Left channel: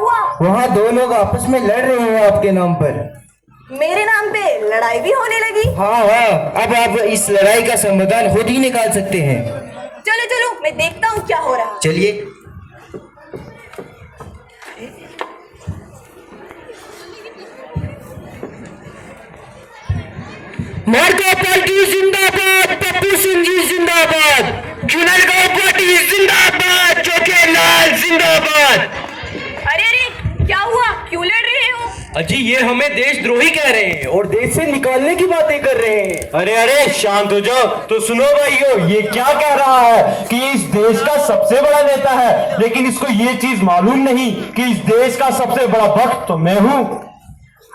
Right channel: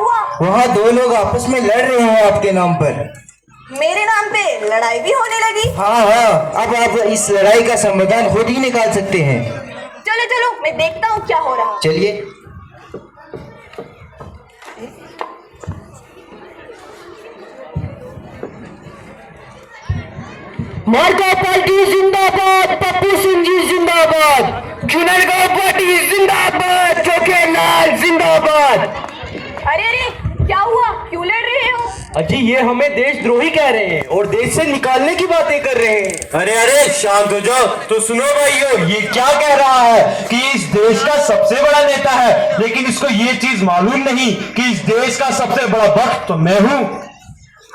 हुआ? वहाँ दो लोग आपस में लड़ रहे हैं आपके नाम पर। मेरे नाम पे लड़ाई भी होने लगी? हाँ हाँ, अब आप इस लड़ाई का समाधान खुद ही निकाल सकते हैं। चलो चलो, मैं देखता हूँ क्या हो रहा है। चलिए। मार्का पार्टी जिंदाबाद, पप्पू सिंह जी जिंदाबाद, जुनरगांव पार्टी जिंदाबाद, चोखेलाल जिंदाबाद। अरे अरे, क्या हुआ? क्यों लड़ रहे हो? अजी ये हमें देशद्रोही कह रहे हैं और देश से निकालने की बातें कर रहे हैं। अरे अरे शांत हो जाओ। तो सुनो भाइयों, ये क्या कह रहा है कि इस देश का सबसे बड़ा नेता है, लेकिन इसको ये चीज मालूम नहीं कि इस देश का सबसे बड़ा भक्त तो मैं हूँ।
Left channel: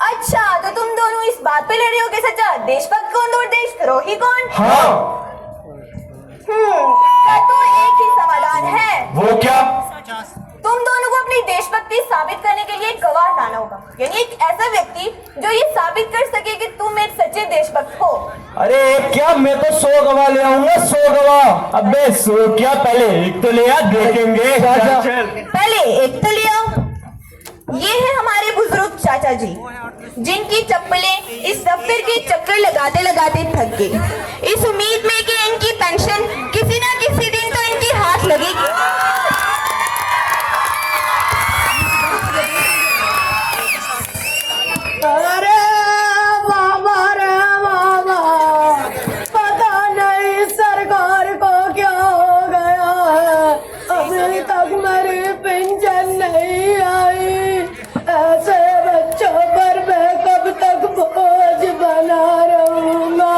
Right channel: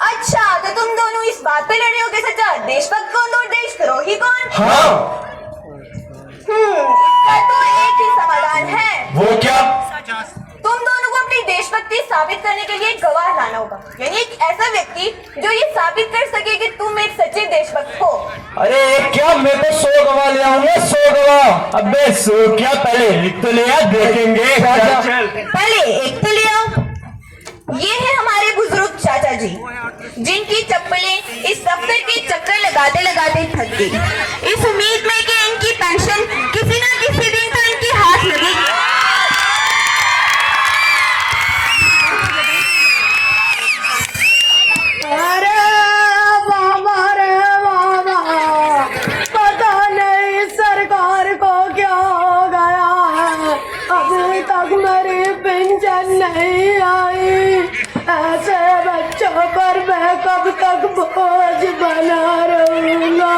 अच्छा, तो तुम दोनों इस बात पे लड़ रहे हो कि सच्चा देशभक्त कौन और देशद्रोही कौन? हाँ। इसका तो एक ही समाधान है। वो क्या? तुम दोनों को अपनी देशभक्ति साबित करने के लिए एक गवाह लाना होगा, यानी एक ऐसा व्यक्ति जो ये साबित कर सके कि तुम एक सच्चे देशभक्त हो। अरे क्या, मैं तो 100 गवाह ले आऊंगा, 100 गवाह। अबे 100 क्या, पहले एक तो ले आ, देखेंगे। पहले एक तो ले आओ। ये है हमारे बुजुर्ग चाचा जी, जिनकी चप्पलें इस दफ्तर के चक्कर लगाते लगाते थक गई, इस उम्मीद में कि इनकी पेंशन किसी ना किसी दिन तो इनके हाथ लगेगी। अरे बाबा रे बाबा, पता नहीं सरकार को क्या हो गया, अभी तक मेरी पेंशन नहीं आई। ऐसे बच्चों पर मैं कब तक बोझ बना रहूंगा।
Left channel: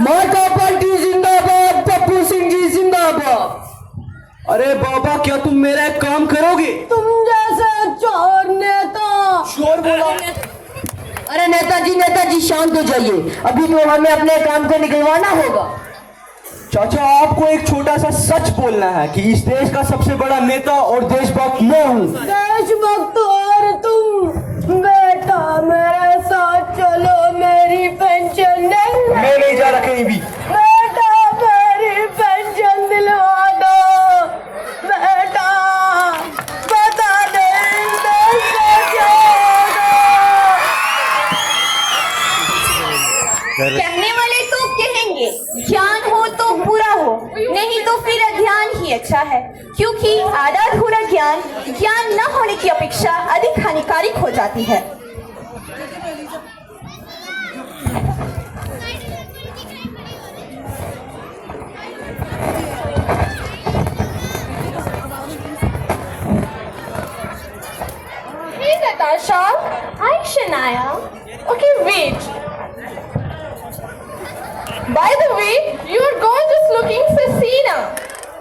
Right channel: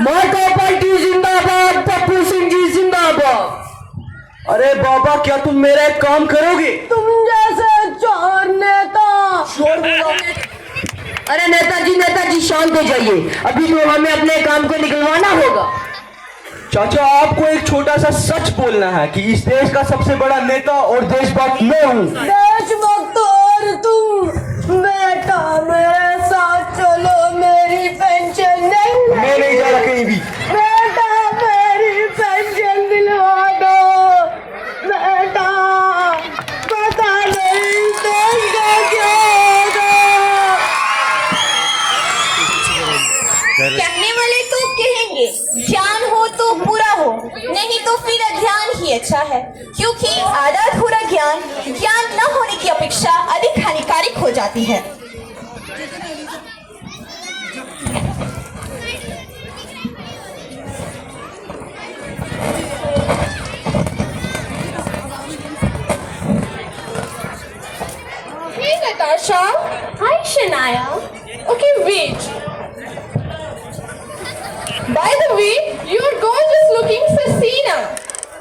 मार्का पार्टी जिंदाबाद, पप्पू सिंह जी जिंदाबाद। अरे बाबा, क्या तुम मेरा एक काम करोगे? तुम जैसे चोर नेता। अरे नेताजी शांत हो जाइए, अभी तो हमें अपने काम को निकलवाना होगा। चाचा, आपको एक छोटा सा सच बोलना है कि इस देश का सबसे बड़ा नेता और देशभक्त मैं हूँ। देशभक्त और तुम? बेटा मेरे साथ चलो, मेरी पेंशन नहीं मैं नहीं जा रहा कहीं भी। बेटा मेरी पेंशन दिलवा दो। बेटा पता नहीं देश का क्या होगा। कहने वाले तो कहेंगे ज्ञान हो तो बुरा हो, नहीं तो फिर अज्ञान ही अच्छा है, क्योंकि आधा अधूरा ज्ञान ज्ञान न होने की अपेक्षा अधिक हानिकारक हो जाती है। Hey Natasha. Hi Shania. Okay, wait. By the way, your gorgeous looking Sasina.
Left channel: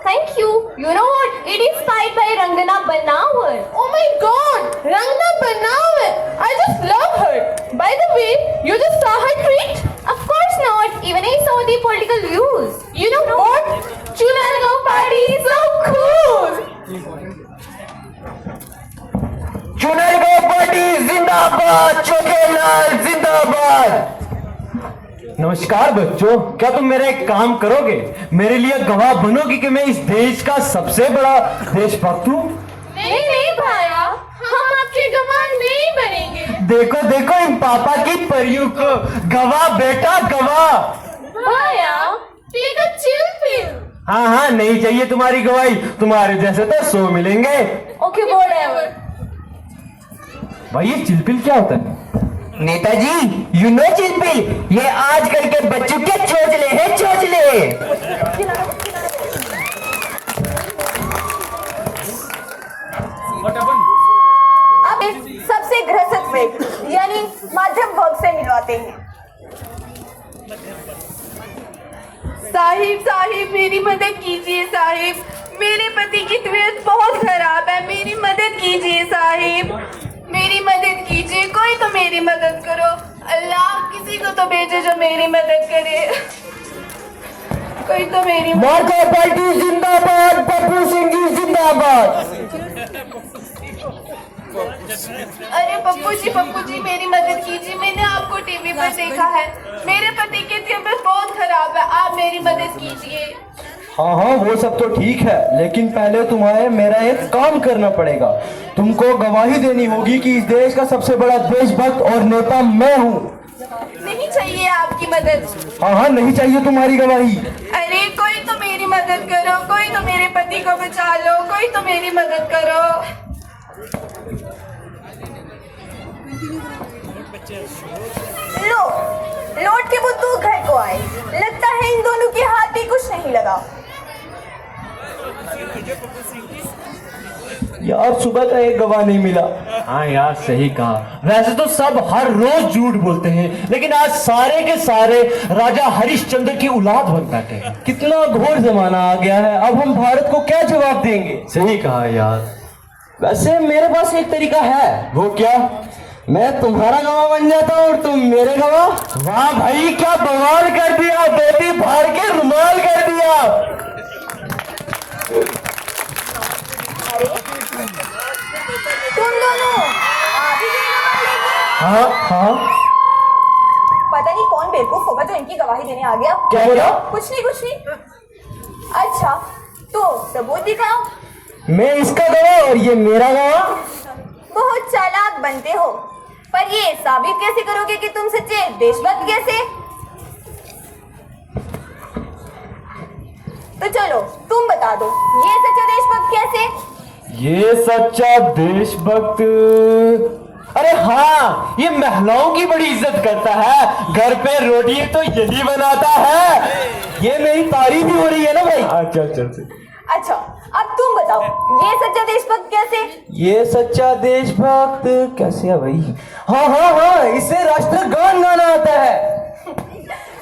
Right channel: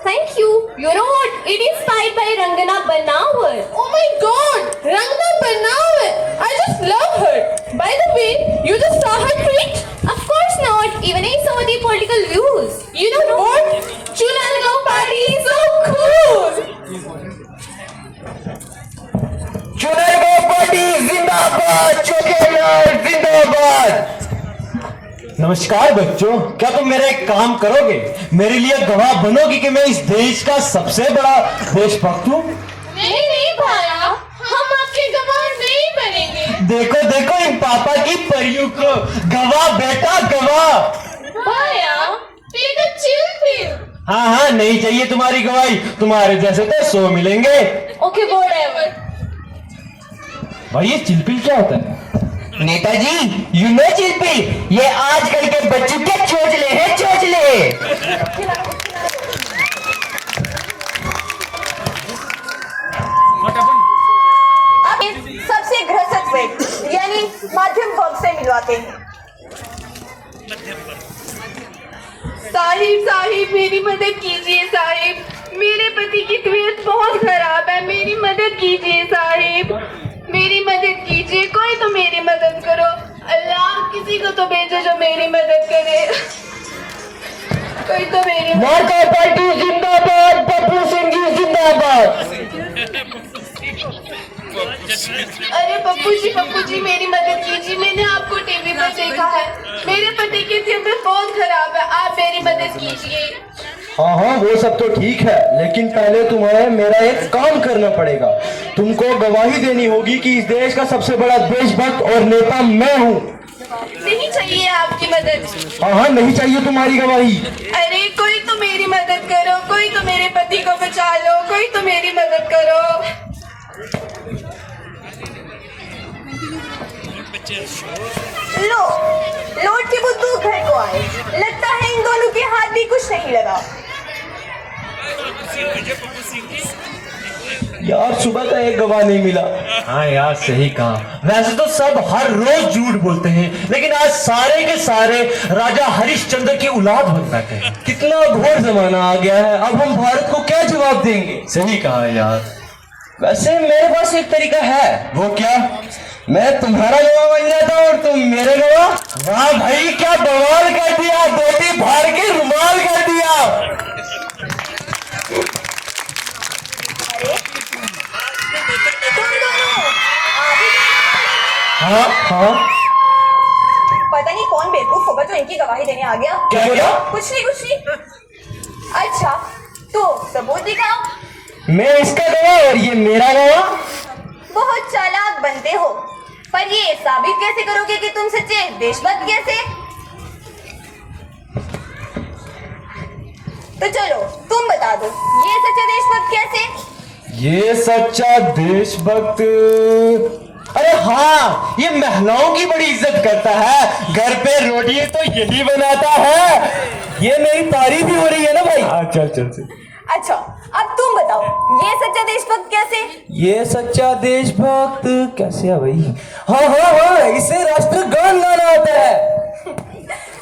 Thank you. You know what? It is inspired by Rangana Banawar. Oh my God, Rangana Banawar. I just love her. By the way, you just saw her tweet? Of course not. Even I saw the political views. You know what? Chulalgaon party is so cool. Junargaon party जिंदाबाद, चोखेलाल जिंदाबाद। नमस्कार बच्चों, क्या तुम मेरा एक काम करोगे? मेरे लिए गवाह बनोगे कि मैं इस देश का सबसे बड़ा देशभक्त हूँ? नहीं नहीं भाया, हम आपके गवाह नहीं बनेंगे। देखो देखो इन पापा की परियों को, गवाह बेटा गवाह। भाया, take a chill pill. हाँ हाँ, नहीं चाहिए तुम्हारी गवाही, तुम्हारे जैसे तो 100 मिलेंगे। Okay, whatever. भाई ये चिलपिल क्या होता है? नेताजी, यू नो चिलपिल, ये आजकल के बच्चों के चोचले हैं, चोचले। अब इस सबसे घृणित व्यक्ति यानी मध्यम वर्ग से मिलवाते हैं। साहिब मेरी मदद कीजिए साहिब, मेरे पति की तबीयत बहुत खराब है, मेरी मदद कीजिए साहिब, मेरी मदद कीजिए, कोई तो मेरी मदद करो। अल्लाह किसी को तो भेजे जो मेरी मदद करे, कोई तो मेरी। मार्का पार्टी जिंदाबाद, पप्पू सिंह जी जिंदाबाद। अरे पप्पू जी मेरी मदद कीजिए, मैंने आपको टीवी पर देखा है, मेरे पति की तबीयत बहुत खराब है, आप मेरी मदद कीजिए। हाँ हाँ, वो सब तो ठीक है, लेकिन पहले तुम्हें मेरा एक काम करना पड़ेगा। तुमको गवाही देनी होगी कि इस देश का सबसे बड़ा देशभक्त और नेता मैं हूँ। नहीं चाहिए आपकी मदद। हाँ हाँ, नहीं चाहिए तुम्हारी गवाही। अरे कोई तो मेरी मदद करो, कोई तो मेरे पति को बचा लो, कोई तो मेरी मदद करो। लो, लौट के बुद्धू घर को आए। लगता है इन दोनों के हाथ भी कुछ नहीं लगा। यार सुबह का एक गवाह नहीं मिला। हाँ यार, सही कहा। वैसे तो सब हर रोज झूठ बोलते हैं, लेकिन आज सारे के सारे राजा हरिश्चंद्र की औलाद बन बैठे हैं। कितना घोर जमाना आ गया है, अब हम भारत को क्या जवाब देंगे? सही कहा यार। वैसे मेरे पास एक तरीका है। वो क्या? मैं तुम्हारा गवाह बन जाता हूँ और तुम मेरे गवाह। वाह भाई, क्या बवाल कर दिया, बेटी भार के रुमाल कर दिया। तुम दोनों हाँ हाँ, पता नहीं कौन बेवकूफ होगा जो इनकी गवाही देने आ गया। क्या क्या? कुछ नहीं। अच्छा, तो सबूत दिखाओ। मैं इसका गवाह और ये मेरा गवाह। बहुत चालाक बनते हो, पर ये साबित कैसे करोगे कि तुम सच्चे देशभक्त कैसे? तो चलो तुम बता दो, ये सच्चा देशभक्त कैसे? ये सच्चा देशभक्त, अरे हाँ, ये महिलाओं की बड़ी इज्जत करता है। घर पे रोटी तो यही बनाता है। ये मेरी तारीफ ही हो रही है ना भाई। चल। अच्छा, अब तुम बताओ, ये सच्चा देशभक्त कैसे? ये सच्चा देशभक्त कैसे है भाई? हाँ, इसे राष्ट्रगान गाना आता है।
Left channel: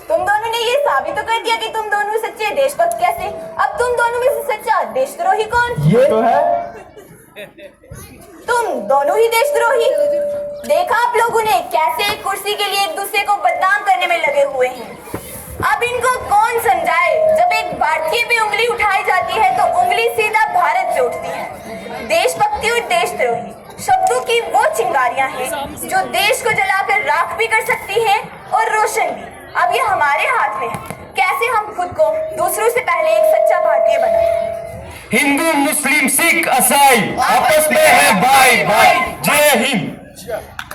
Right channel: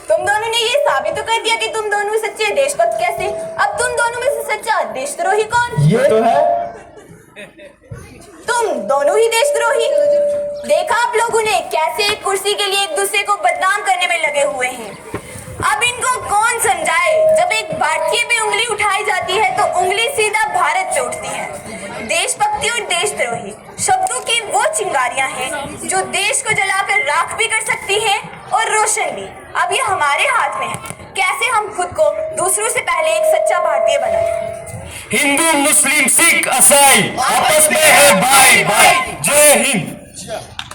तुम दोनों ने ये साबित तो कर दिया कि तुम दोनों सच्चे देशभक्त कैसे। अब तुम दोनों में से सच्चा देशद्रोही कौन? ये तो है। तुम दोनों ही देशद्रोही। देखा आप लोगों ने कैसे एक कुर्सी के लिए एक दूसरे को बदनाम करने में लगे हुए हैं। अब इनको कौन समझाए, जब एक भारतीय पे उंगली उठाई जाती है तो उंगली सीधा भारत से उठती है। देशभक्ति और देशद्रोही शब्दों की वो चिंगारियां हैं जो देश को जलाकर राख भी कर सकती है और रोशन भी। अब ये हमारे हाथ में है, कैसे हम खुद को दूसरों से पहले एक सच्चा भारतीय बनाएं। हिंदू, मुस्लिम, सिख, ईसाई आपस में है भाई भाई। जय हिंद।